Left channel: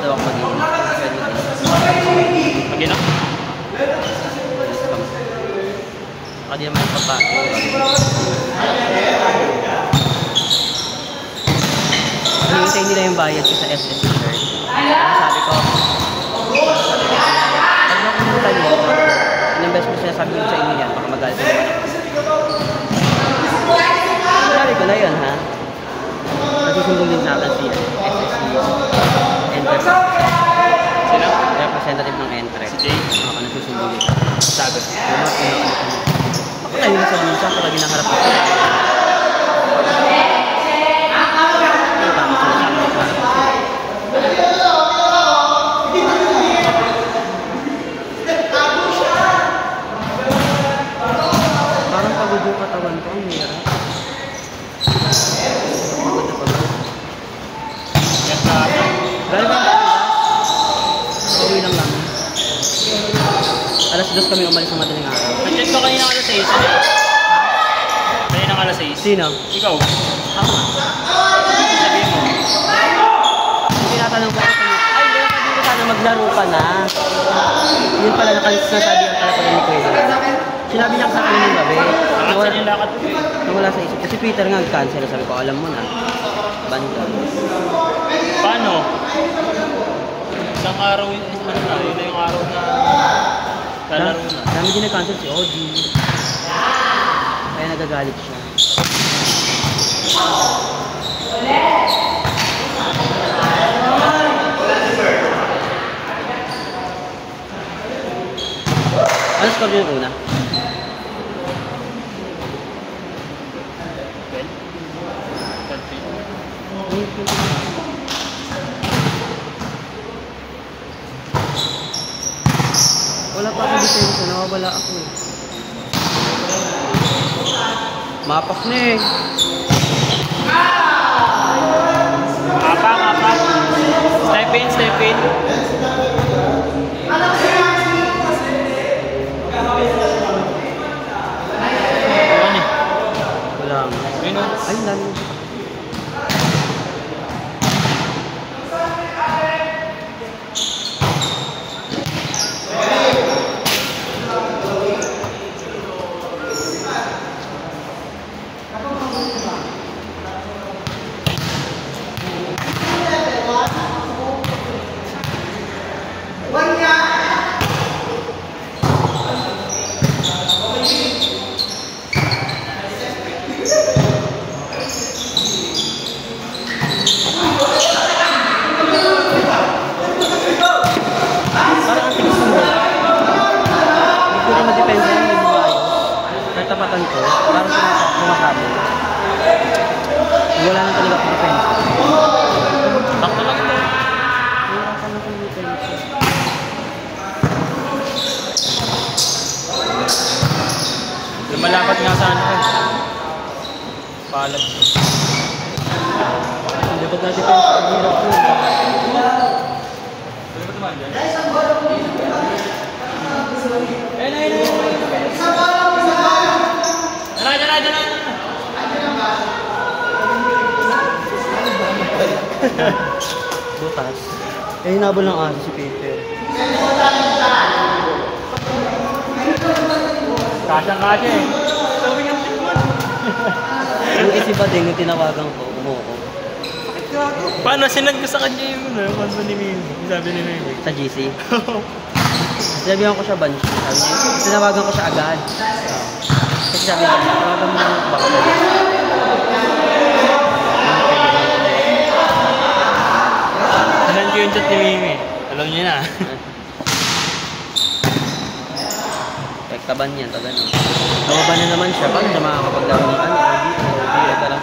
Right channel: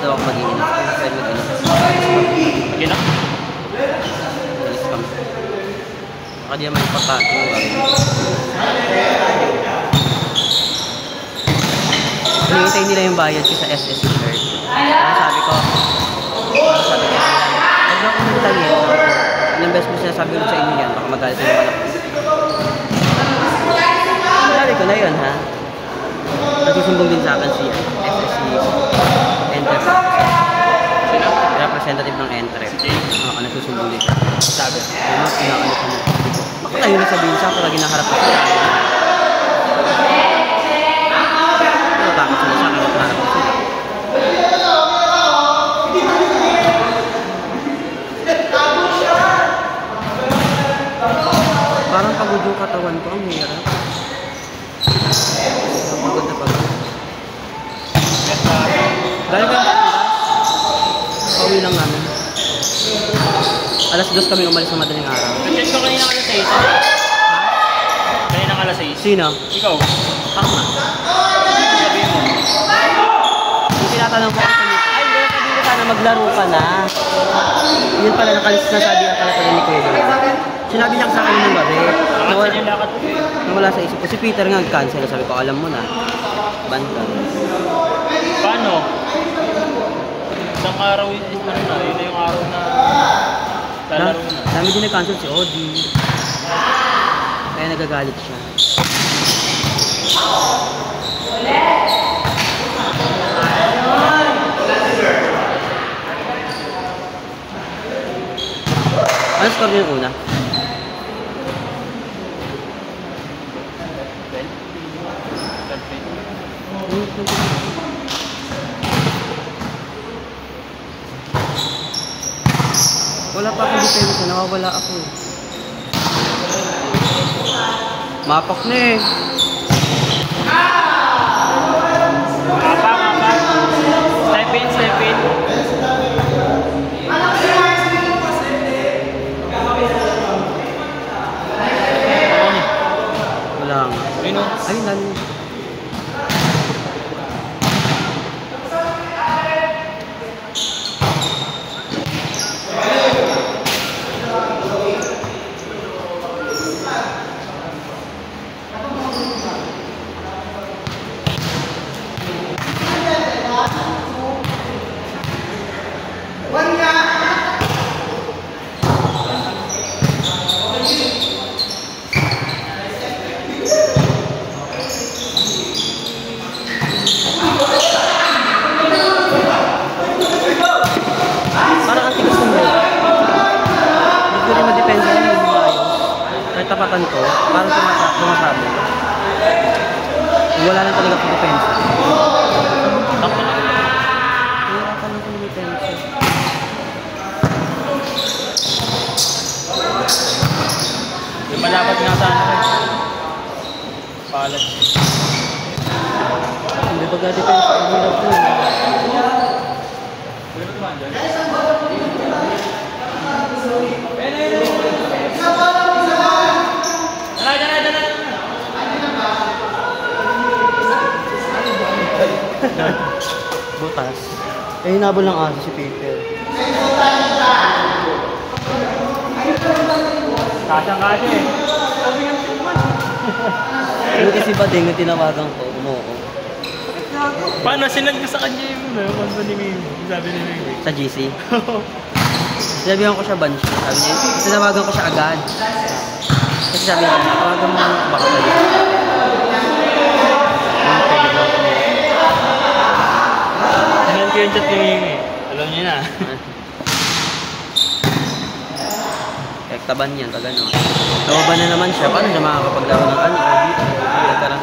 daw ako mag-inis. Pwede mag-inis. Mag-inis? Inis kami. Baka di naman pagkain. Hinihintay nila yung bayad ko sa SSC. Sabi ko, ilang beses mo sinasabi ko sa inyo yan, baka magalit na naman ako. Sabi ko na yun, ha? Nagsusumbong din sa akin si SSC representative ng NTREP. Nagsusumbong din. Sabi. Bakit ayaw na sabihin siya para ginaharap ko? Parang pagod yung katawan ko, ang hirap. Dahil ba pauwi lang namin. Alas 2 kami umalis sa madaling araw. Nag-test ko kayo ng alas 6. Kayo ng alas 6. Sino? Ikaw. Ako. Tinatanong ko ako ay, hindi, sabi ko sana maglaro ka na. Yun pala nakasasabi ang pala pala ni Pedro. Sinabi niya sa akin ng gabi. Wala sa isip ko. Si Peter nga cancel. Sabi ko, alam mo na. Banda. Paano? Isang araw yung na. Ito yung araw na lalaro na. Dami din na-cancel si Odi. Kaya nagagalit siya. Ano score mo yung una? Wala pa akong depensa, nawawala ako. Mapak na eh. Step in. Wala nga. Ayun. Ayun lang. Tapatan ko, parang tumasakto sa amin. Wala lang talaga akong depensa. Bakit lang? Wala kami akong depensa. Di malapad nga sa ano. Paalam. Hindi ba dati ko sa ulo ko? Butas. Ay, hinabol ng aso si Peter. Kasang-kasya eh. Hindi kasi ba din yung tinawagan ko, umuoko. Paano sinag mo sa kanya yung ano ni Mimo? Sabi ni Mimo. Sa GC. Sinabihan ko siya Banshee. Sabi niya, tinawagan ko siya agad. Kasi sabi niya, tinawagan mo ng bakit. Alam ko yung chat ni Mimo eh. Alam niyo na. Taban yan, tagan yan. Taban na naman siya. Paano siya makakapaggawa ng kanya? Hindi ka lang.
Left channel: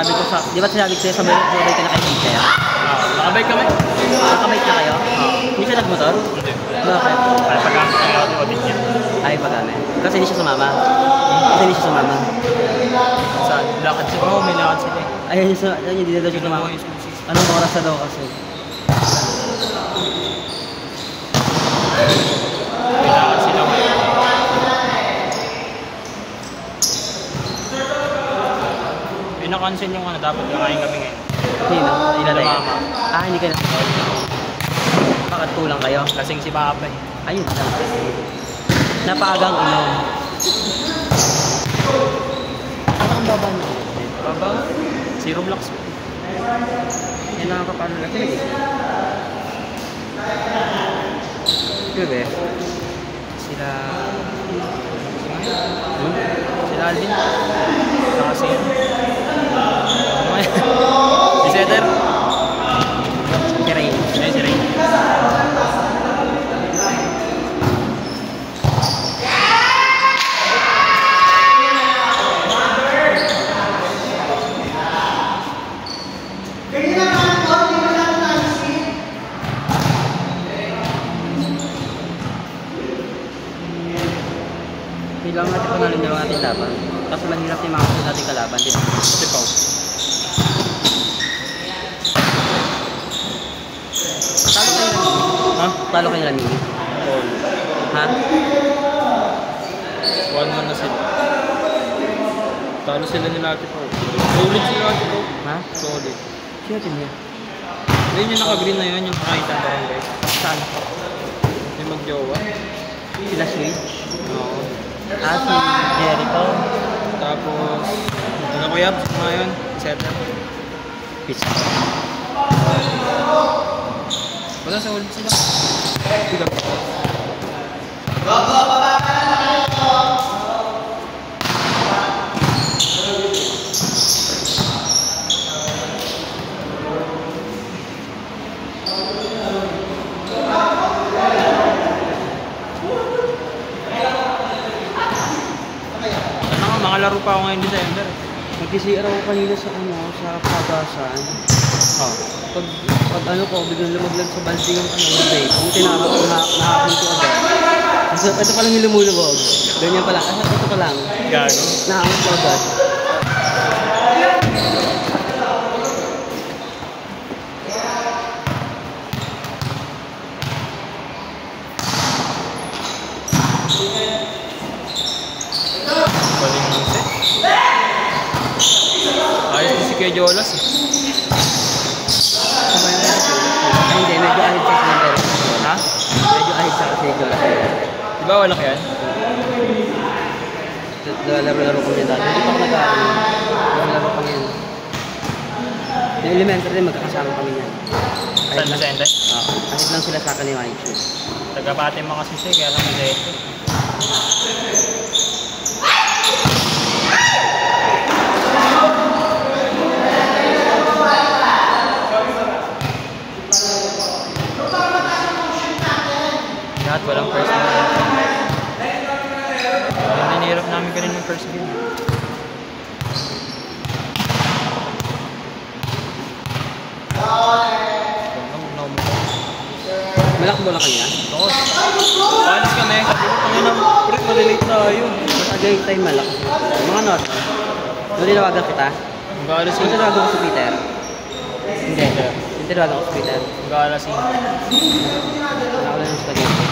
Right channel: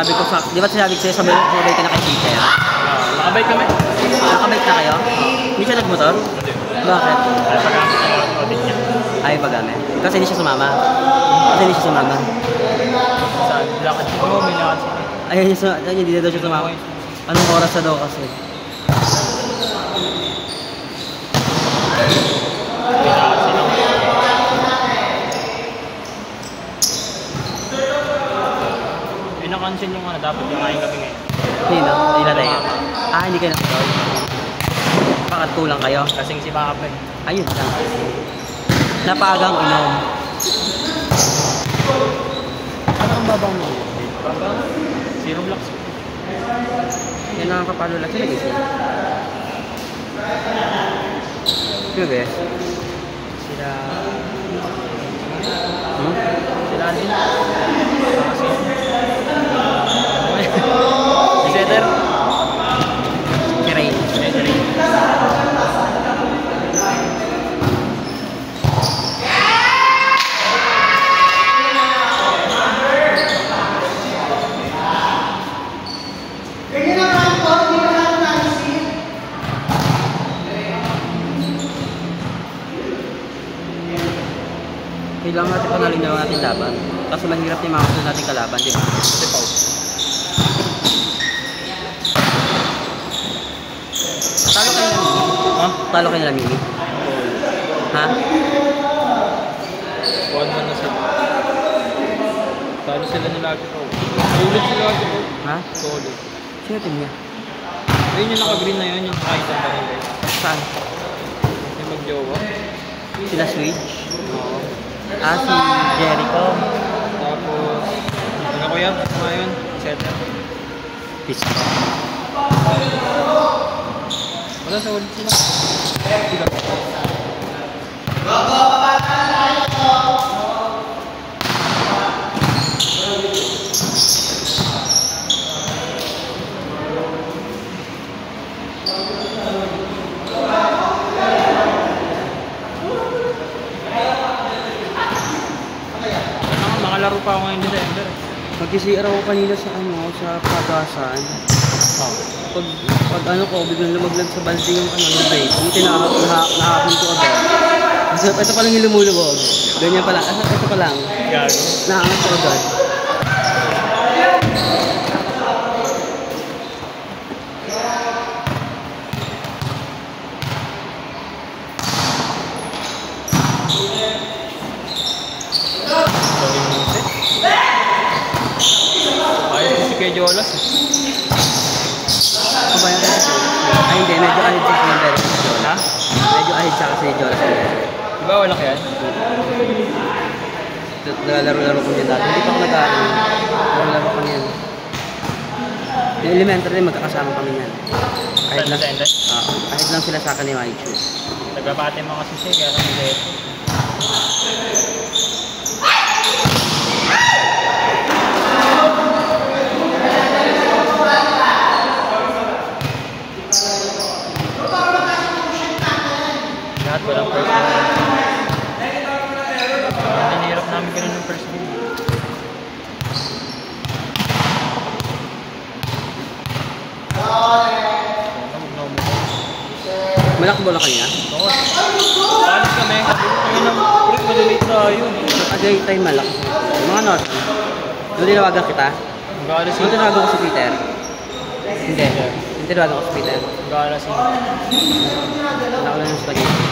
Sabi ko sa, di ba sinabi ko sa'yo, sabay ka na kay Peter? Nakabay kami. Nakabay ka kayo? Hindi siya nagmotor? Bakit? Ay, magamit. Kasi hindi siya sumama. Kasi hindi siya sumama. Sa lakad siya mo, may lakad siya. Ayun, hindi na daw siya sumama. Anong oras na daw kasi? Sila. Pinakansin yung ano, dapat yung aking gabi ngayon. Hindi na. Hindi ka na. Bakit kulang kayo? Kasing si Baka pa. Ayun. Napagang inom. Ano ang baba mo? Baba? Zero blocks. Kailangan ka paano lang ito. Sige. Sila... Sila Alvin. Kasi... Iseter. Kirain. Kailangan natin pangalan yung ating laban. Kasi mahirap yung mga natin kalaban, di ba? Si Pau. Talo kayo lang, Mimi. Ha? 1-1 na sila. Talo sila nila ako po. Ulit sila ako po. Ha? Solid. Sino ito niya? Yun yung naka-green na yun, yung kahit ang barangay. Saan? Yung mag-jowa. Sila Switch? Oo. Si Jericho. Tapos, ano ko yan? Ano yun? Set. Peace. Wala sa ulit sila. Mga laro pa ako ngayon December. Mag-CR ako kanina sa sa Pagasan. Pag ano ko, biglang lumaglag sa bansi yung break. Yung nakakapin ko agad. Kasi ito pa lang yung lumulubog. Ganyan pa lang. Ito pa lang. Gago. Nakakapin ko agad. Ayos si Kuya Jolas. Hindi, medyo ahid sa Snyder. Ha? Medyo ahid sa Snyder. Diba wala ka yan? Laro-laro ko na dati. Hindi pa ako nag-aaral. Laro-laro ko na yun. Yung elementary, magkakasama kami yan. Saan na sende? Ahid lang sila sa akin ni Maichu. Nagkakati mga susi, kaya lang nag-eto. Lahat walang first game. Nanirap namin ganun yung first game. Malaki bola kanya? Oo. Palis ka na yun. Ayun ang trip, maliliit na yun. Agay tayo malaki. Mga North. Yung tinawagan ko ta? Mag-aalas Yung tinawagan ko si Peter? Hindi. Yung tinawagan ko si Peter? Mag-aalas yun. Ako lang yung spaghetti.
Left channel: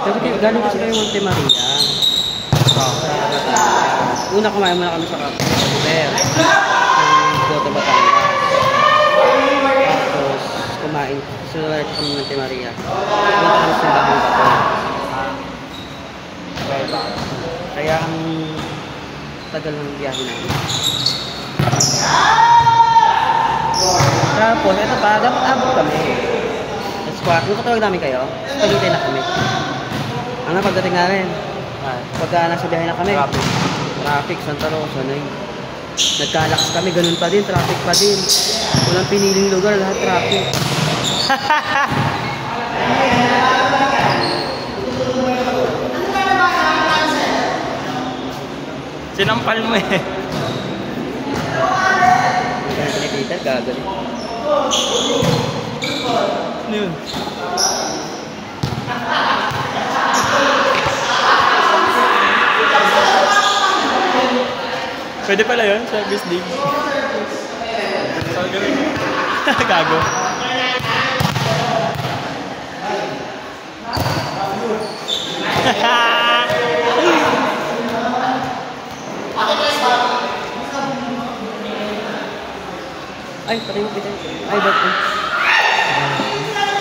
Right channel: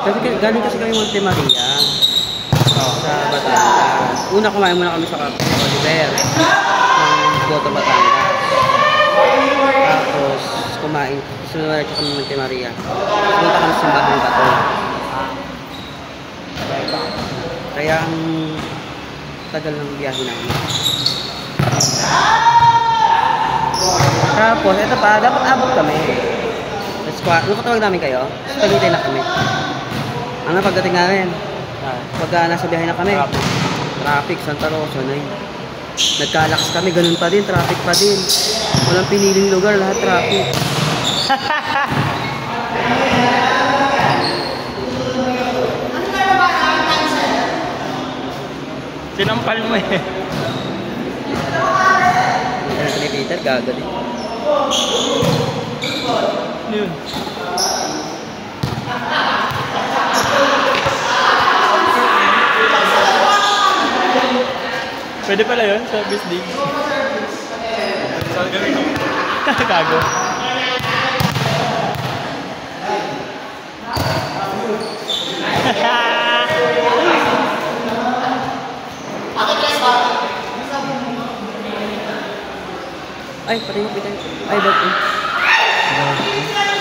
Kasi gano'n kasi kayo Monte Maria. Una kumain muna kami sa Kapiter. Ng Goto Batangas. Tapos kumain. Sunod kami Monte Maria. Sunod kami sa Bagong Bato. Kaya ang tagal ng biyahe namin. Tapos, ito pa, dapat abot kami. Yung katawag namin kayo, pagintay na kami. Ang napagdating namin, pagka nasa biyahe na kami, traffic, Santa Rosa na yun. Nagkalakas kami, ganun pa din, traffic pa din. Walang piniling lugar, lahat traffic. Sinampal mo eh. Peter, gagawin. Ano yun? Pwede pala yun sa this league. Gago. Ay, pati mo kita. Ay, ba't?